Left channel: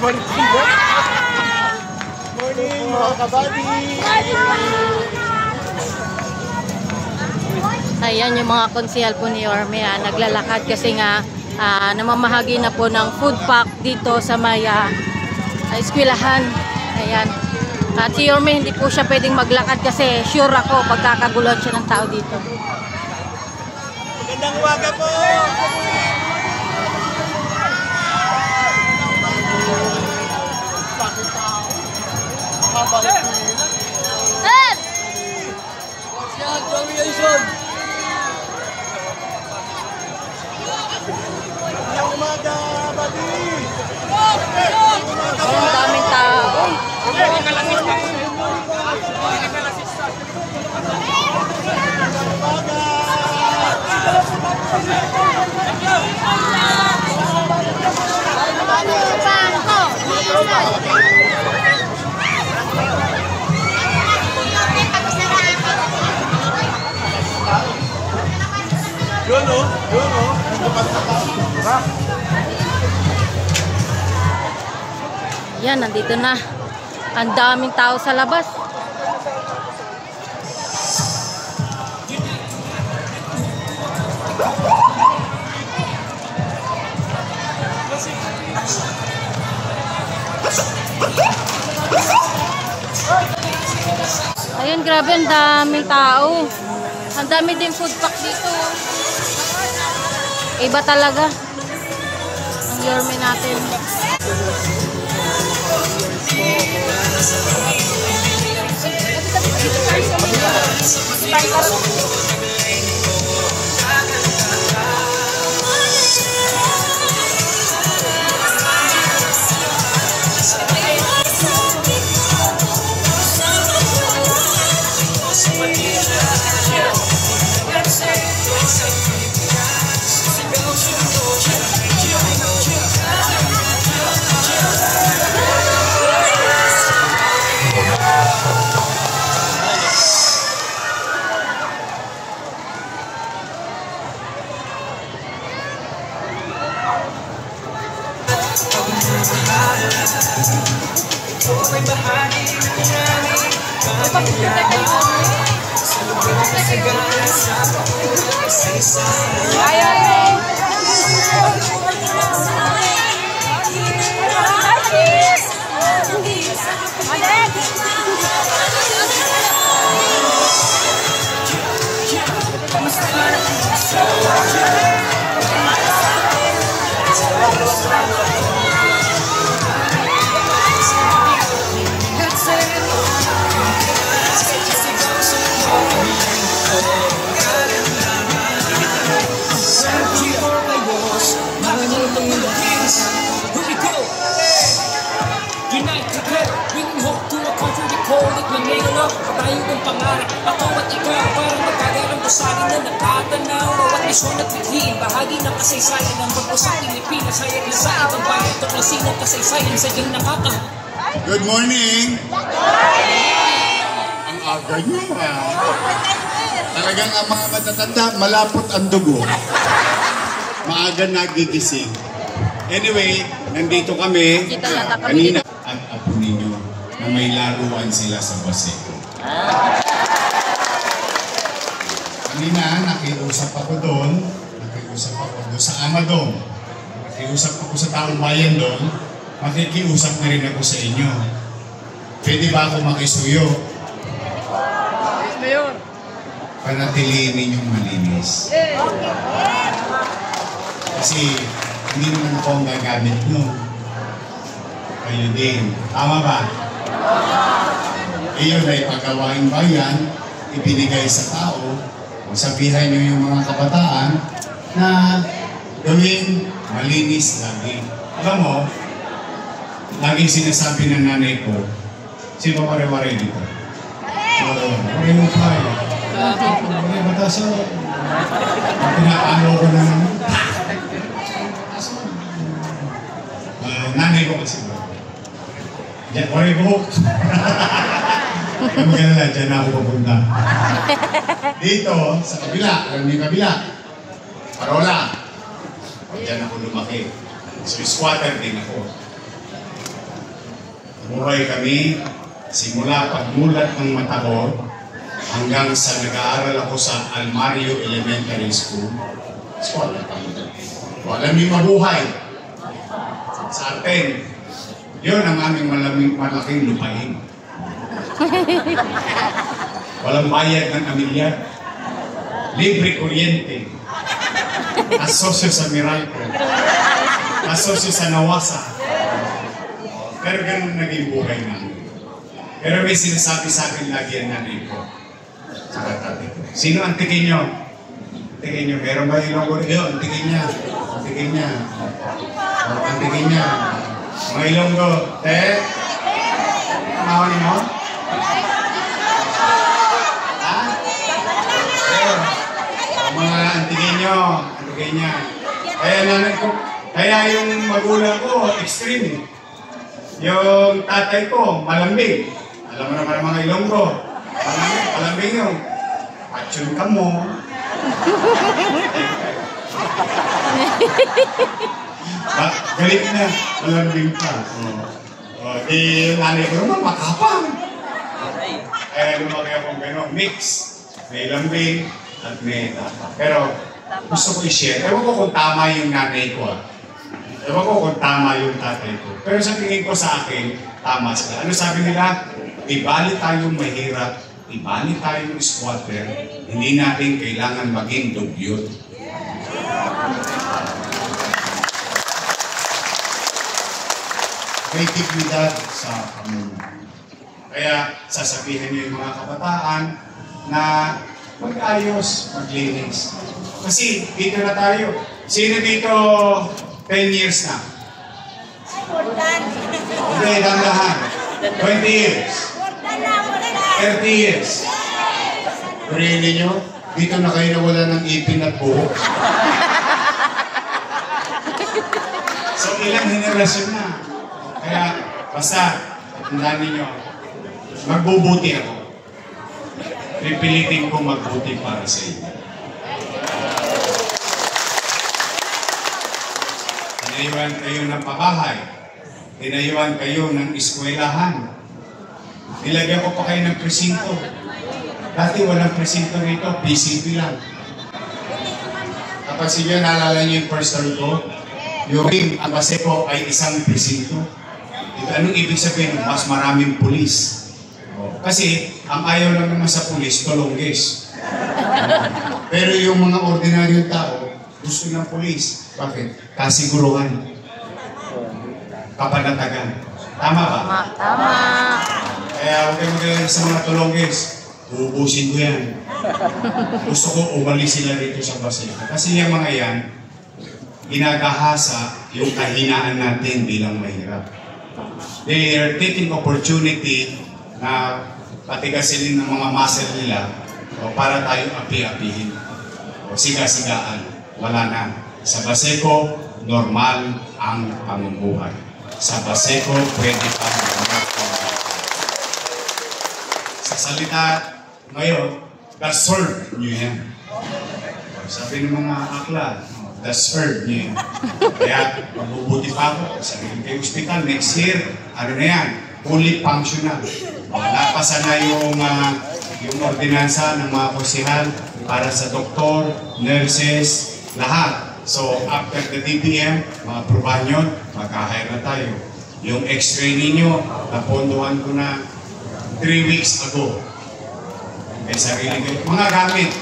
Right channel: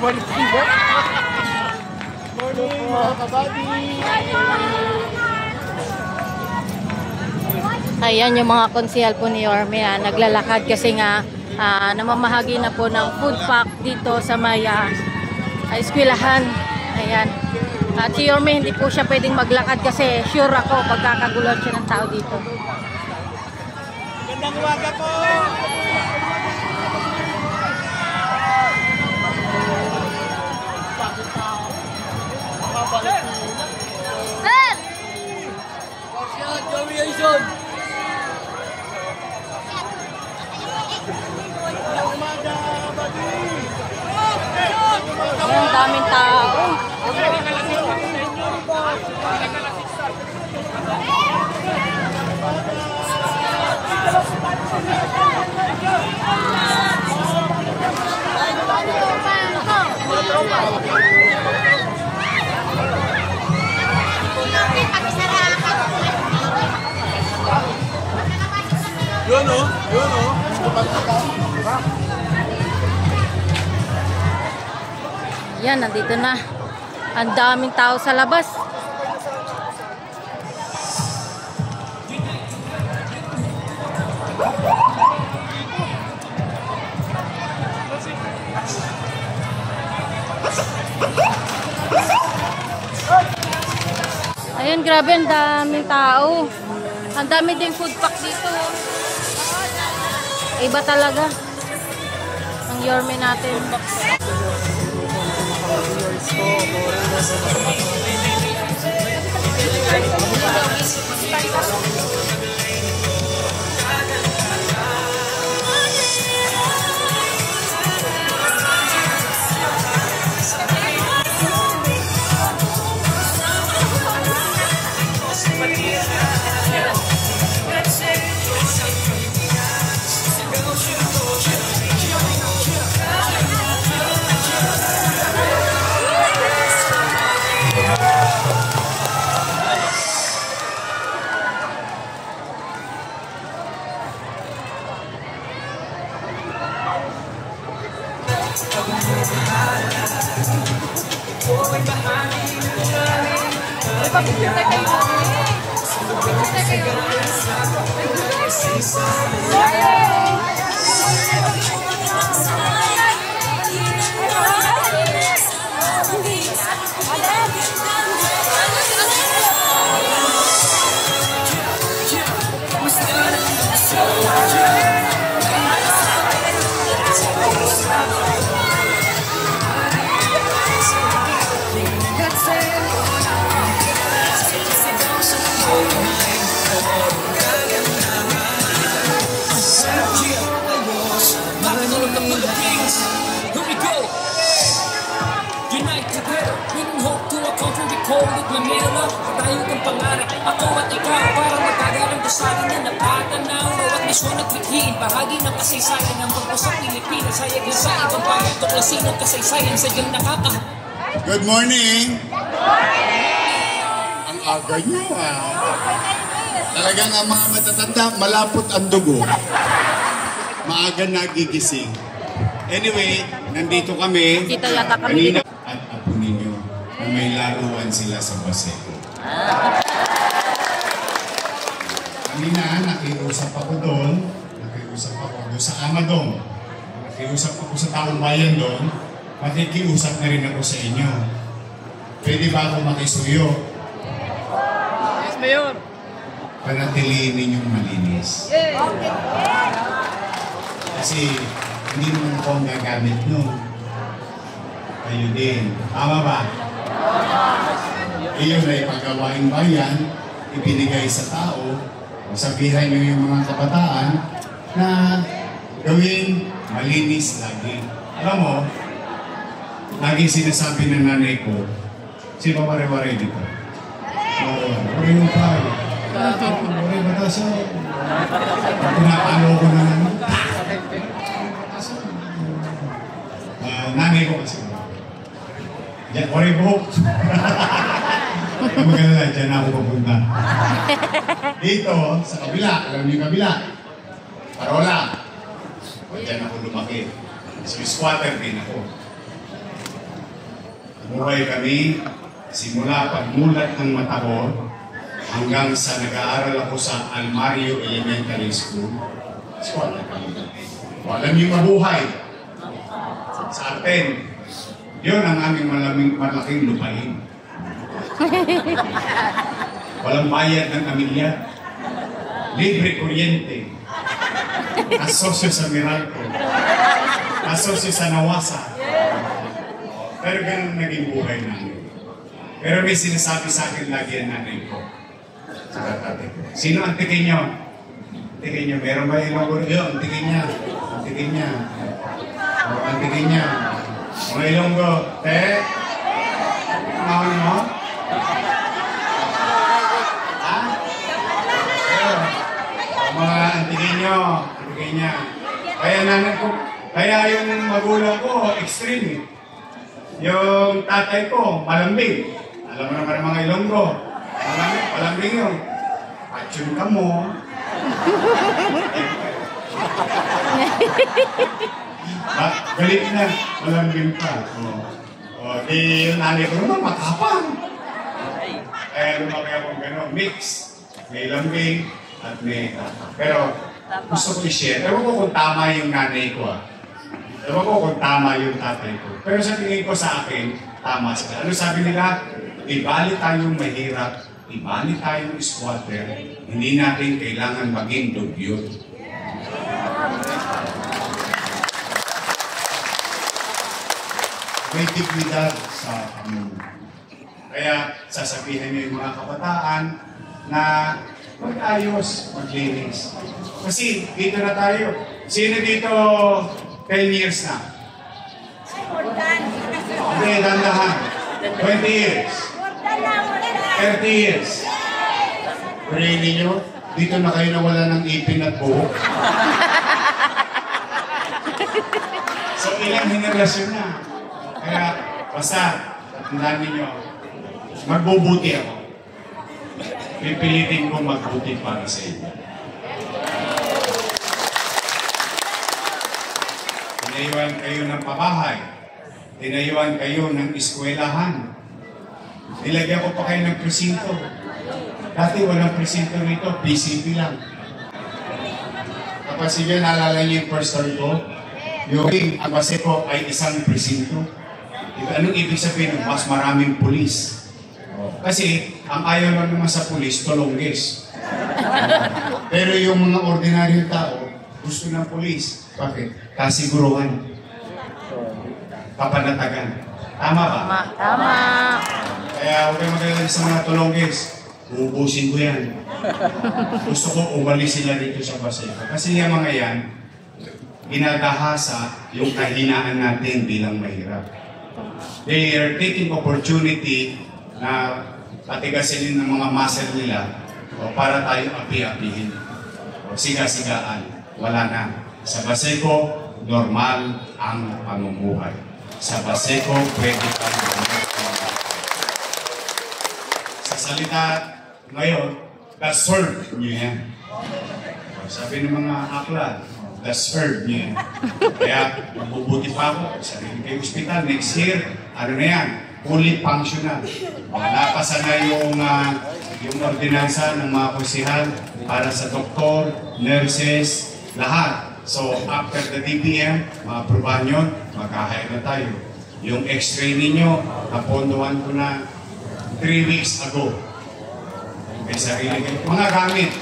Morning mga kabady! Ayan yung mga konsehal po ni Yorme, naglalakad kasi nga namamahagi na po ng food pack dito sa may eskwelahan. Ayan. At si Yorme hindi po siya pwedeng maglakad kasi sure ako pagkakagulon siya ng tao dito. Magandang umaga po! Bakit tao? Makabalik ko yun. Sir! Yan, Joey Aison! Magandang umaga, buddy! Ayan, daming tao. Yan, nandito na. Ang daming tao sa labas. Ayan, grabe, ang daming tao. Ang dami din food pack dito. Iba talaga ang Yorme natin. Bahagi ng kasaysayan ng bagosang Pilipinas, hayag na sa ibang bayan, tuklasin ng kasaysayan sa diyang nakaka. Good morning! Ang aga nyo Talagang ang mga matatanda, malapot ang dugo. Maaga nagigising. Anyway, nandito kami kanina at apo ninyo na may laruan sila sa Baseco. Kanina, nakiusap ako doon sa Amadong. Nakiusap ako sa taong bayan doon. Makikiusap na rin ako sa inyo. Pwede ba ako makisuyo? Yes, Mayon! Panatiliin ninyong malinis. Kasi hindi naman ako ang gagamit no. Kayo din. Tama ba? Iyon ay paggawaing bayan, ibinigay sa tao. Sabihan niyo yung mga kabataan na gawin malinis lagi. Alam mo, laging sinasabi ng nanay ko, si Pamare-Ware dito. Ware yung fly. Ware bataso. Pinapalo ko na naman. Nanay ko kasi ba? Ware buhok. Maganda, dyan ako pupunta. Dito, sa kabila, alam niyo yung kabila. Parola. Diyan ako lumaki. Swiss water din ako. buhay kami simula pagmulat ng mata ko hanggang sa nag-aaral ako sa Almario Elementary School. Alam niyo mabuhay sa atin. Yun ang aming malaking lupain. Walang bayad ng amilyar. Libre kuryente. Asosyo sa Meralco. Asosyo sa Nawasa. Pero ganun naging buhay namin. Pero may sinasabi sa akin lagi ang nanay ko. Sa tatay ko. Sino ang tingin nyo? Tingin nyo. Meron ba ilang ko? Yun, tingin niya. Tingin niya. Ang tingin niya. Mga Ilonggo. Kamawani mo? Ha? Pero, mga antigin nyo. Antigin niya. Kaya nanay ko, kaya yung magulang ko, extreme eh. Yung tatay ko, malambing. Alam mo naman ang mga Ilonggo. Malambing yung patsyun ka mo. Galit na, malambing pa. Yung nanay ko naman, makapang. Kaya lumaki akong gano'n, mix. May lambing at may tapang. Pero gusto ko i-share. Ewan ko kung tama yung nanay ko Ewan ko kung tama yung tatay ko. Pero sa tingin ko sa akin, tama sila. Ano sabi nila? Ibali tayong mahirap, ibali tayong squatter, hindi natin kailangan maging dugyot. May dignidad sa pamumuhay. Kaya sasabihin niyo yung mga kabataan na mag-ayos, maglinis. Kasi dito na tayo. Sino dito 10 years na? Hindi, dandahan. 20 years. 30 years. Purihin niyo, dito na kayo nawala ng ipin at buhok. So ilang henerasyon na. Kaya basta, tandaan ninyo, magbubuti ako. Pipilitin kong magbuti para sa inyo. Tinayuan kayo ng pabahay. Tinayuan kayo ng eskwelahan. Nilagyan ko pa kayo ng presinto. Dati walang presinto rito, PCP lang. Kapag sige, naalala niyo yung first term ko, yung ang base ko ay isang presinto. Anong ibig sabihin? Mas maraming pulis. Kasi ang ayaw lang naman sa pulis, tolongges. Pero yung mga ordinaryong tao, gusto ng pulis. Bakit? Kasiguruhan. Kapanatagan. Tama ba? Tama. Kaya huwag kayo magaling sa mga tolongges. Uubusin ko yan. Gusto ko umalis sila dito sa Baseco. Kasi yung mga yan, ginagahasa yung kahinaan natin bilang mahirap. They are taking opportunity na patigasin ng mga muscle nila para tayo api-apihin. Siga-sigaan. Wala na. Sa Baseco, normal ang pamumuhay. Sa Baseco, pwede pa normal. Sa salita ngayon, deserve nyo yan. Sabi ng mga akla, deserve nyo yan. Kaya mabubuti pa ako. Sarili kayo hospital, next year, ano na yan? Fully functional. Napasa na yung ordinansa ng mga kusihal para sa doktor, nurses, lahat. So, after the DPM, ma-aprobahan yun, magkahire na tayo. Yung x-ray ninyo, napondohan ko na 3 weeks ago. May sarili kayo. Mga gamit.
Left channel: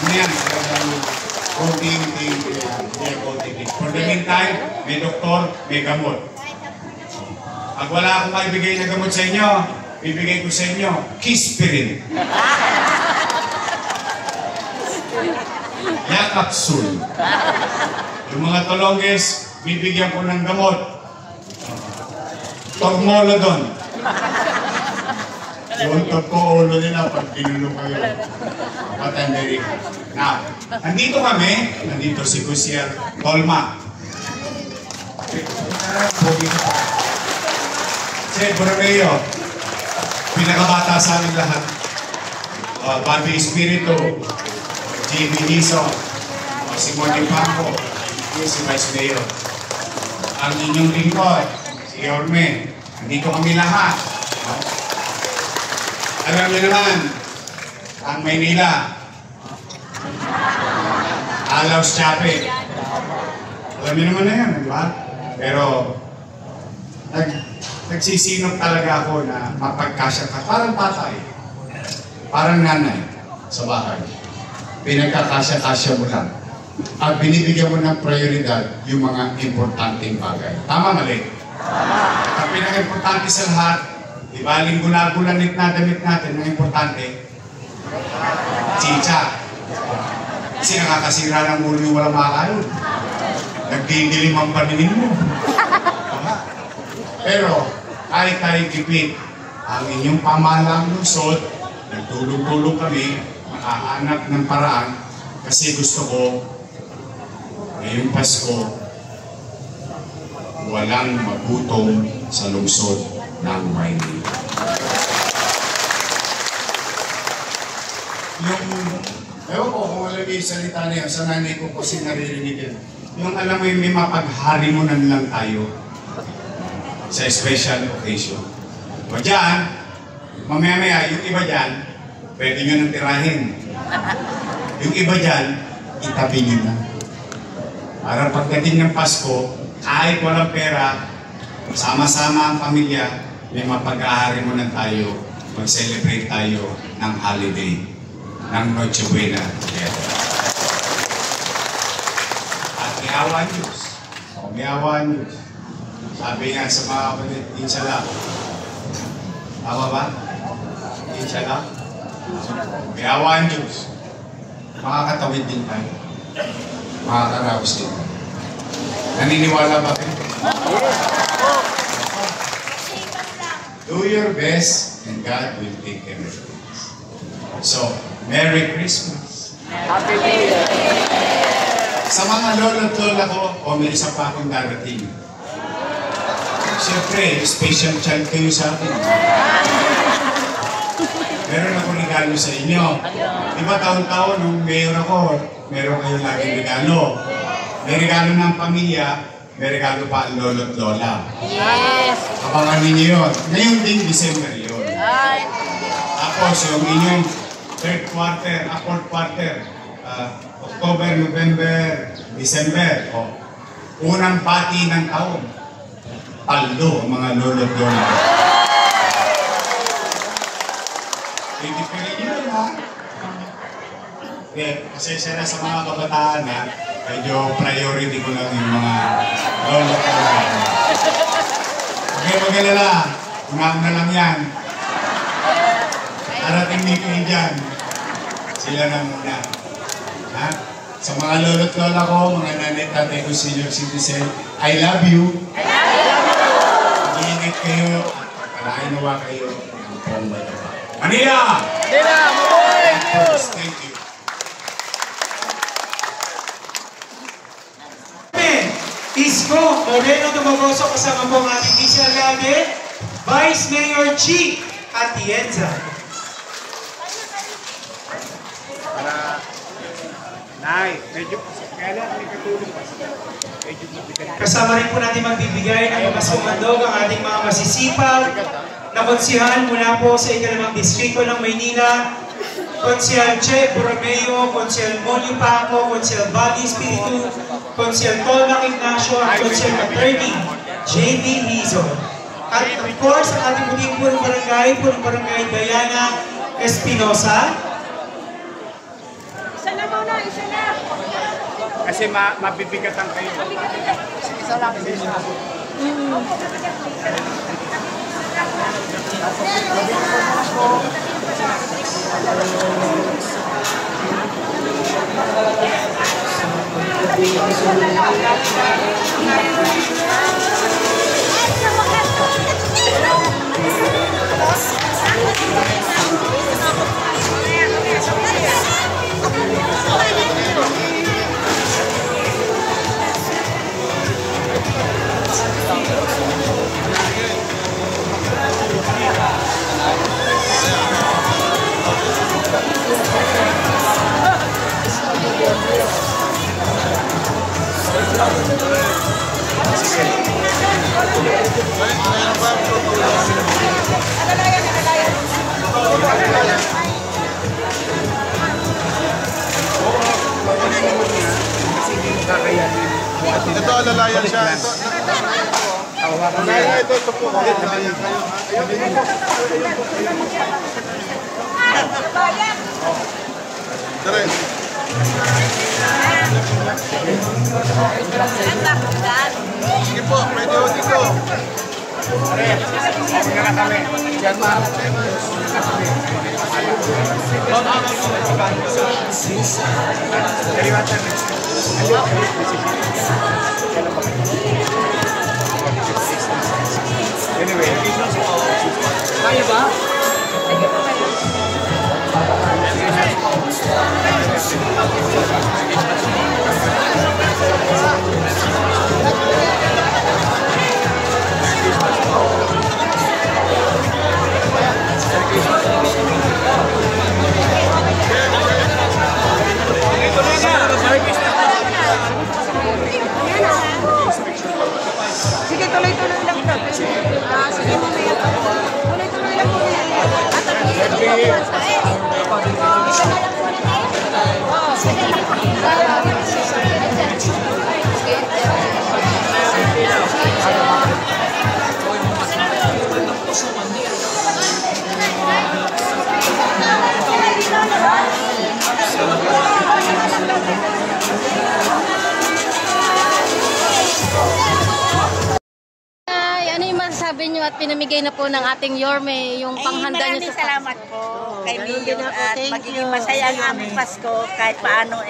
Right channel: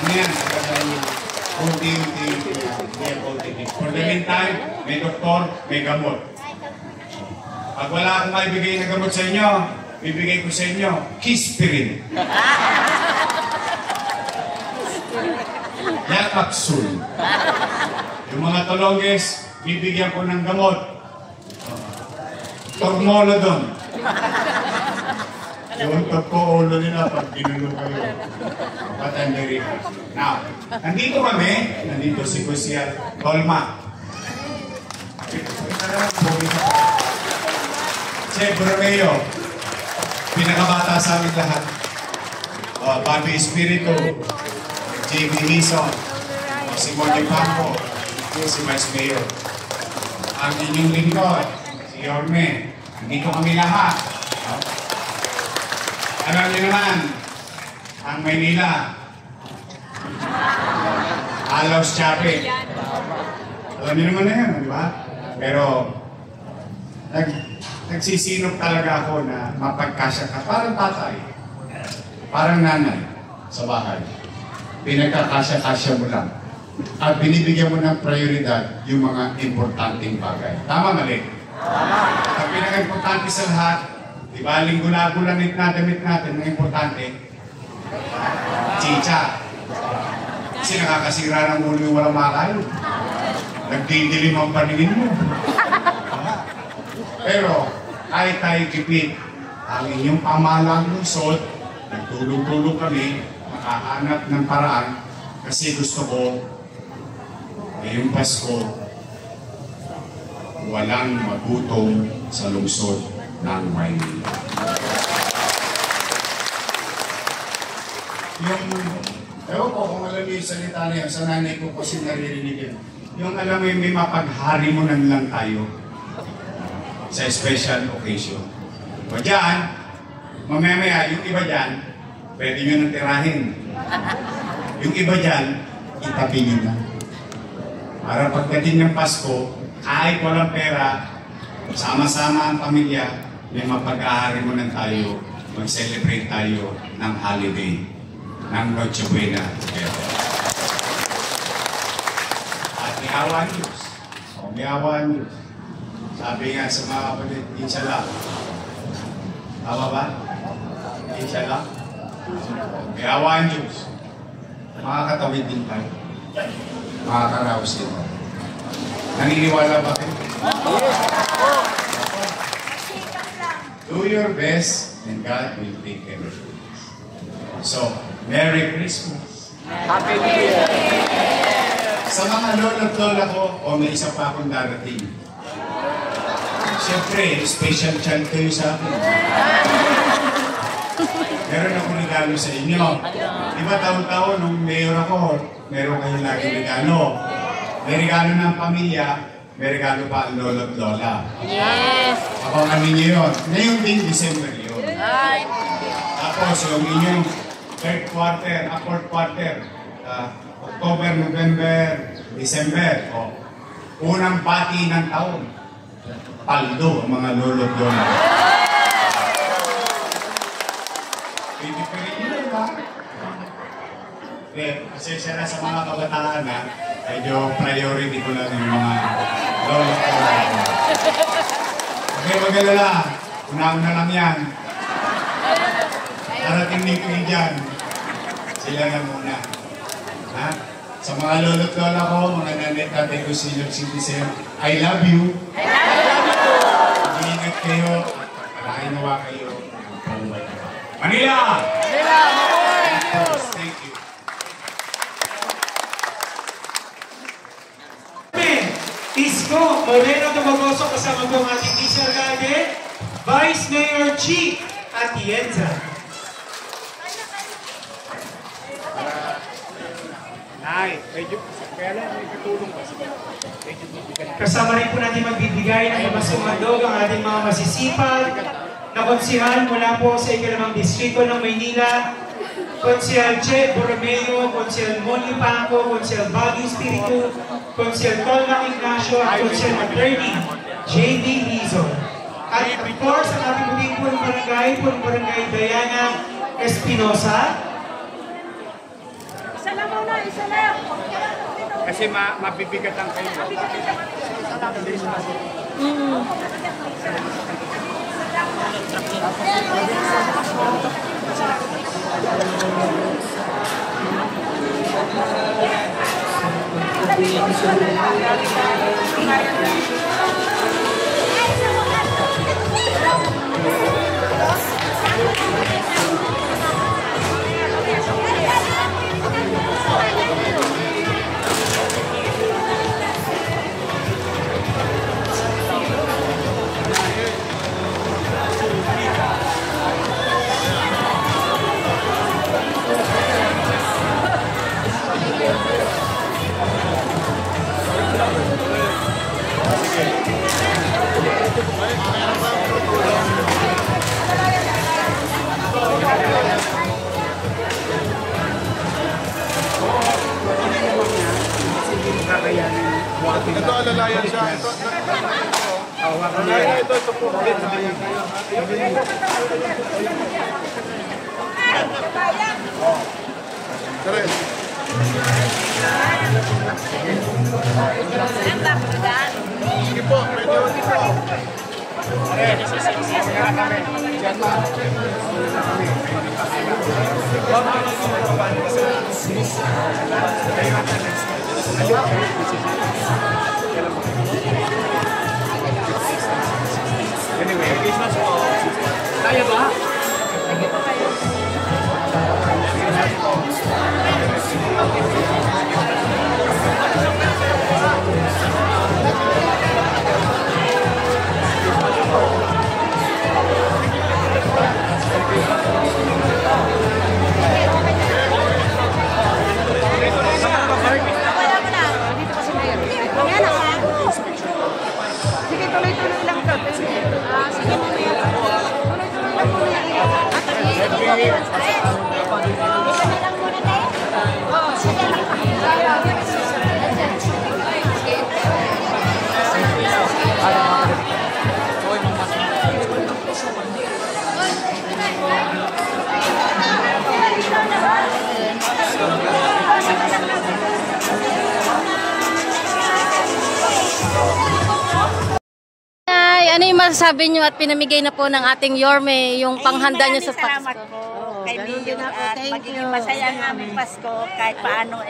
Ano yan? Konting. For the meantime, may doktor, may gamot. Pag wala akong maibigay na gamot sa inyo, bibigay ko sa inyo, Kispirin. Yakapsul. Yung mga tolongges, bibigyan ko ng gamot. Togmolodon. Yung tagko-ulo nila pag ginulo kayo. Patandari. Now, nandito kami, nandito si Kusier Tolma. Si Borromeo, pinakabata sa amin lahat. Bobby Espiritu, J.B. Hison, si Monty Pampo, si Vice Mayor. Ang inyong lingkod, si si Yorme. Andito kami lahat. Alam niyo naman, ang Maynila, Alaus Chape. Alam niyo naman na yan, di ba? Pero, nagsisinop talaga ako na mapagkasya ka. Parang tatay, parang nanay sa bahay. Pinagkakasya-kasya mo lang. At binibigyan mo ng prioridad yung mga importanteng bagay. Tama, mali? Ang pinaka-importante sa lahat, di ba, linggo-lagulanit na damit natin, ang importante, chicha. Kasi nakakasira ng ulo yung walang makain. Nagdidilim ang paningin mo. Pero, kahit tayo tipid, ang inyong pamahalang lungsod, nagtulong-tulong kami, makahanap ng paraan, kasi gusto ko, ngayong Pasko, walang magutom sa lungsod ng Maynila. Yung, ewan ko kung alam yung salita na yun, sa nanay ko kasi naririnig yun. Yung alam mo yung may mapagharimunan lang tayo sa special occasion. O dyan, mamaya-maya, yung iba dyan, pwede nyo nang tirahin. Yung iba dyan, itabi nyo na. Para pagdating ng Pasko, kahit walang pera, sama-sama ang pamilya, may mapag-aharimunan tayo, mag-celebrate tayo ng holiday, ng Noche Buena together. At may awa Diyos. O may awa Diyos. Sabi nga sa mga kapatid, inshallah. Tama ba? Inshallah. May awa ang Diyos. Makakatawid din tayo. Makakaraos din tayo. Naniniwala ba kayo? Do your best and God will take care of you. So, Merry Christmas! Sa mga lolo at lola ko, may isa pa akong darating. Siyempre, special child kayo sa akin. Meron akong regalo sa inyo. Diba taon-taon, nung mayor ako, meron kayong laging regalo. May regalo ng pamilya, may regalo pa ang lolo at lola. Yes! Abangan ninyo yun. Ngayon din, December yun. Tapos yung inyong third quarter, fourth quarter, October, November, December, unang pati ng taon. Paldo ang mga lolo at lola. Pwede nyo yun, ha? Pasensya na sa mga kabataan, ha? Medyo priority ko lang yung mga lolo at lola. Okay, mag-alala. Unang na lang yan. Darating ni kayo dyan. Sila na muna. Ha? Sa mga lolo at lola ko, mga nanay, tatay ko, senior citizen, I love you. I love you. Mag-iingat kayo. Karahin nawa kayo. Manila! Manila! Mabuhay! Thank you. Isko Moreno Dumagoso, kasama po ang ating Vice Alcalde, Vice Mayor G. Atienza. Nay, medyo, kaya lang, may katulong pa sila. Kasama rin po natin magbibigay ng mga sumandog ang ating mga masisipag na konsihal mula po sa ikalimang distrito ng Maynila, Konsihal Che Borromeo, Konsihal Monyo Paco, Konsihal Bobby Espiritu, Konsihal Tolma Ignacio, at Konsihal Attorney J.B. Rizo. At of course, ang ating muling punong barangay Diana Espinosa. Isa na muna, isa na. Kasi mabibigatan kayo. Sige. Ito, alalayan siya. Ito, Hawakan mo alalayan yan. ito po. Alalayan kayo. Dire. Sige po, pwede ho dito. Pare, ako na lang kami. Diyan ma. Anyway, kaya ba? Sige, tuloy-tuloy lang to. Sige, mamaya. Tuloy-tuloy lang to. Ay, ano yung masasabi nyo at pinamigay na po ng ating Yorme yung panghanda nyo sa Pasko? Salamat po kay Mayor at magiging masaya ang aming Pasko kahit paano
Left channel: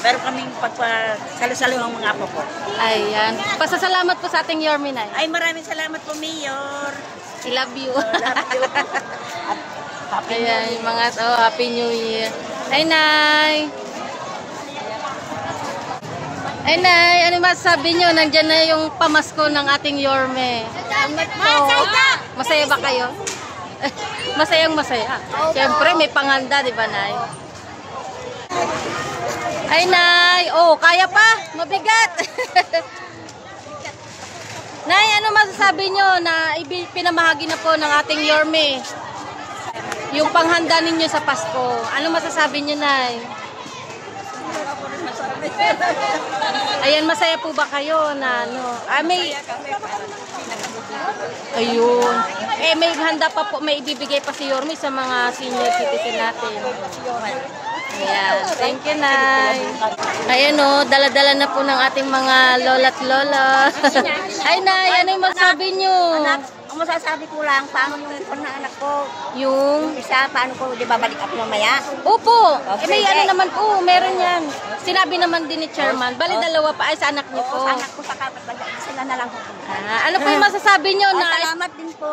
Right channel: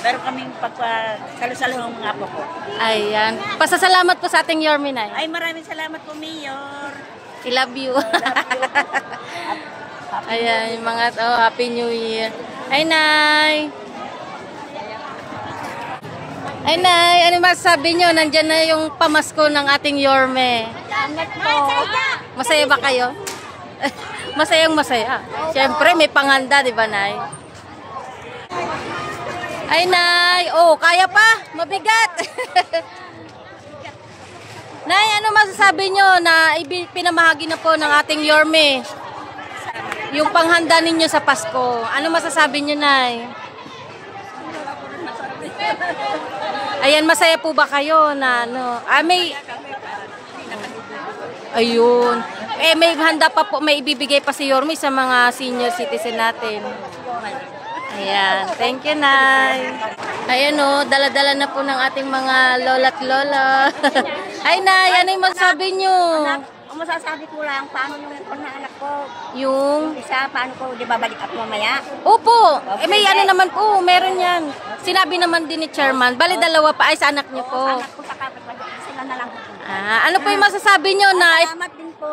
meron kaming pagpasalo-salo ng mga apo po. Ayan. Pasasalamat po sa ating Yorme, Nay. Ay maraming salamat po Mayor. I love you. Love you. Ayan, yung mga Happy New Year. Ay, Nay. Ay, Nay, ano masasabi nyo? Nandyan na yung pamasko ng ating Yorme. Salamat po. Masaya ba kayo? Masayang masaya. Siyempre, may panganda, di ba, Nay? Ay, Nay. Oh, kaya pa. Mabigat. Nay, ano masasabi nyo na pinamahagi na po ng ating Yorme? Yung panghanda ninyo sa Pasko. Ano masasabi nyo, Nay? Ayan, masaya po ba kayo na ano? May... Ayun. May handa pa po, may ibibigay pa si Yorme sa mga senior citizen natin. Ayan. Thank you, Nay. Ayan o, dala-dala na po ng ating mga lola't lola. Ay, Nay, ano yung masasabi nyo? Anak, ang masasabi ko lang, paano yung anak ko? Yung... Isa, paano ko di babalik ako mamaya? Opo. Okay, May ano naman po, meron yan. Sinabi naman din ni Chairman. Bali, dalawa pa ay sa anak niyo po. Anak ko sa kapatid, sila na lang po. Ano po yung masasabi nyo na... Salamat din po.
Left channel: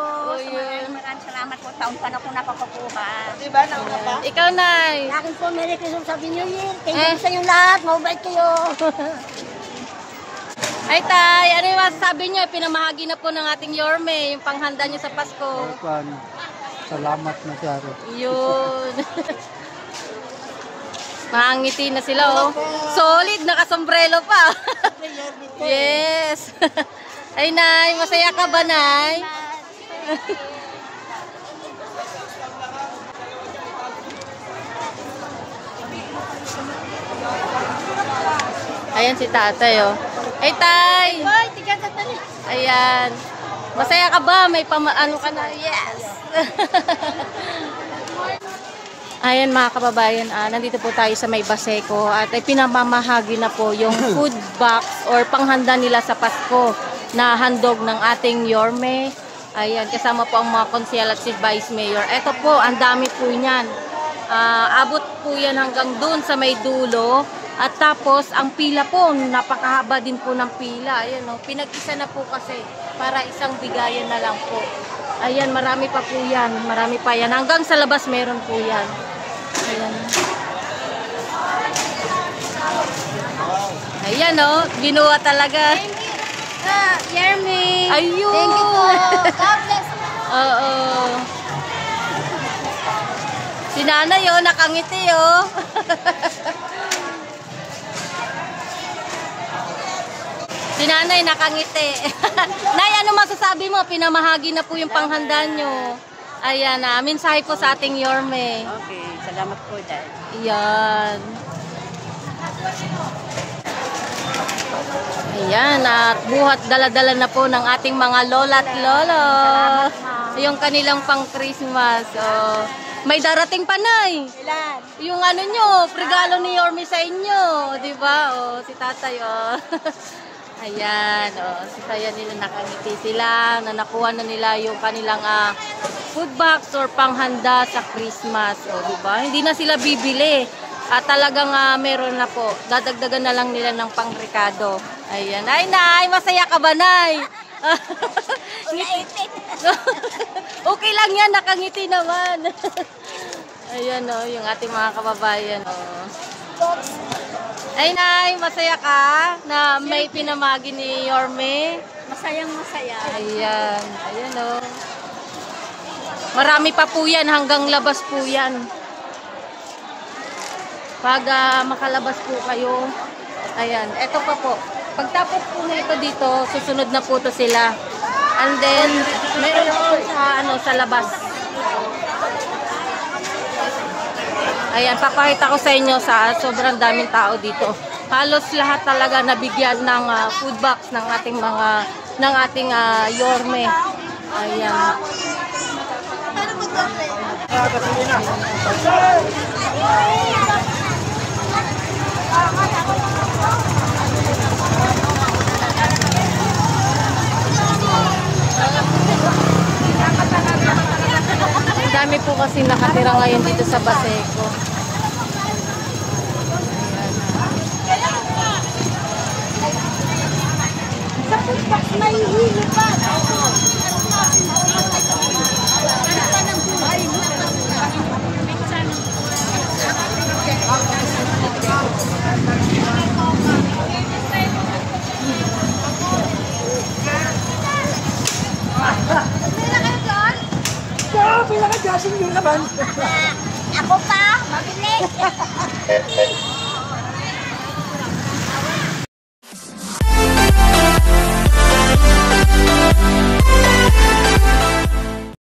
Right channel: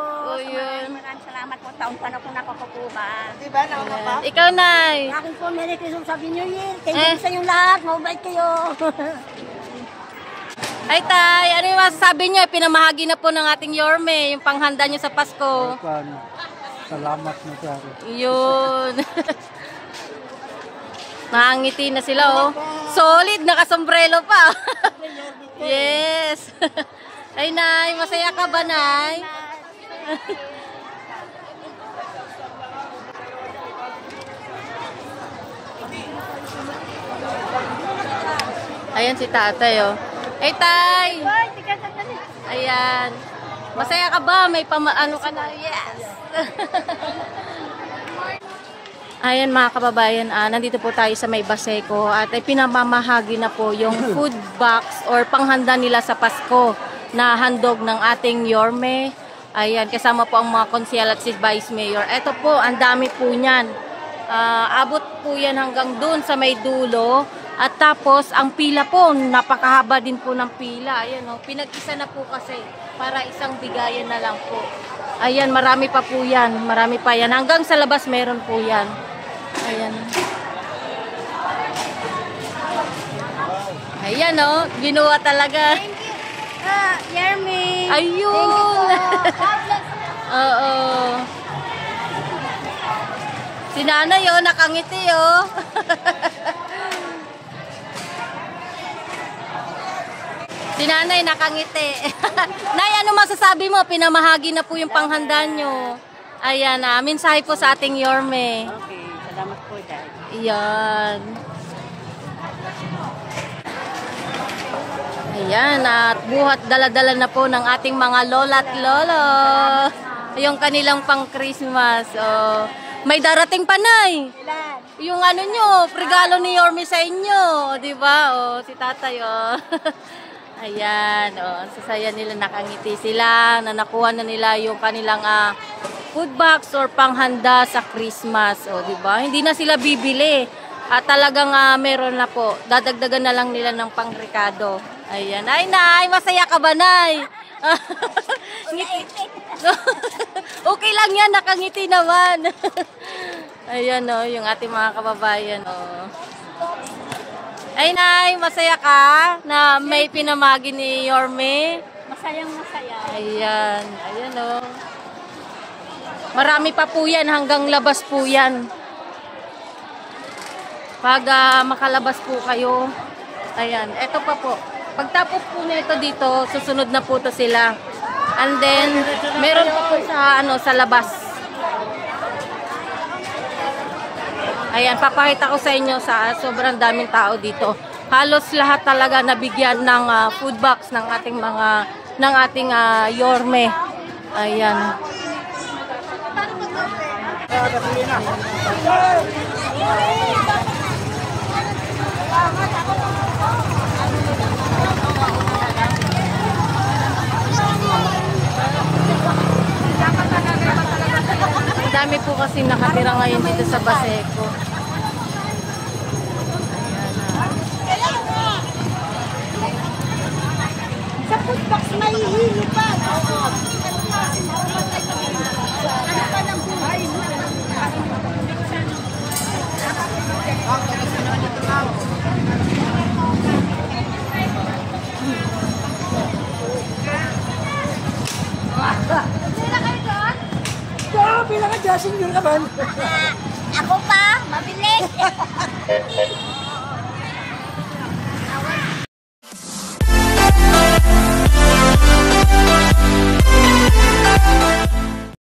Maraming salamat po. Taon pa na po napapakuha. Diba, nauna pa? Ikaw, Nay. Sa akin po, Merry Christmas, Happy New Year. Thank you sa inyong lahat. Mabait kayo. Ay, Tay, ano yung masasabi nyo? Pinamahagi na po ng ating Yorme, yung panghanda nyo sa Pasko. Salamat na siya. Yun. Nakangiti na sila, oh. Solid, nakasombrelo pa. Yes. Ay, Nay, masaya ka ba, Nay? Ayan si Tatay, oh. Ay, Tay! Ayan. Masaya ka ba? May ano ka na? Yes! Ayan mga kababayan, nandito po tayo sa May Baseco at ay pinamamahagi na po yung food box or panghanda nila sa Pasko na handog ng ating Yorme. Ayan, kasama po ang mga konsyel at si Vice Mayor. Ito po, ang dami po niyan. Abot po yan hanggang dun sa may dulo. At tapos, ang pila po, napakahaba din po ng pila. Ayan, oh, pinag-isa na po kasi para isang bigayan na lang po. Ayan, marami pa po yan. Marami pa yan. Hanggang sa labas meron po yan. Ayan. Ayan, oh, ginawa talaga. Yermi. Ayun. Oo. Si Nanay, oh, nakangiti, oh. Si Nanay nakangiti. Nay, ano masasabi mo? Pinamahagi na po yung panghanda nyo. Ayan, mensahe po sa ating Yorme. Okay, salamat po, Dad. Ayan. Ayan, at buhat dala-dala na po ng ating mga lola at lolo. Yung kanilang pang Christmas. Oh. May darating pa, Nay. Ilan? Yung ano nyo, regalo ni Yorme sa inyo. Diba? Oh, si tatay. Oh. Ayan. Oh, sasaya nila, nakangiti sila. Na nakuha na nila yung kanilang food box or panghanda sa Christmas. Oh, diba? Hindi na sila bibili. At talagang meron na po. Dadagdagan na lang nila ng pangrekado. Ayan. Ay, Nay, masaya ka ba, Nay? Okay lang yan, nakangiti naman. Ayan o, yung ating mga kababayan o. Ay, Nay, masaya ka na may pinamagi ni Yorme? Masayang masaya. Ayan, ayan o. Marami pa po yan, hanggang labas po yan. Pag makalabas po kayo, ayan, eto pa po. Pagtapos po na ito dito, susunod na po to sila. And then, meron pa po sa labas. Ayan, papakita ko sa inyo sa sobrang daming tao dito. Halos lahat talaga nabigyan ng food box ng ating Yorme. Ayan. Ang dami po kasi nakatira ngayon dito sa Baseco. Sa food box na hihilo pa. Ano pa ng buhay? Ako pa, mabilis.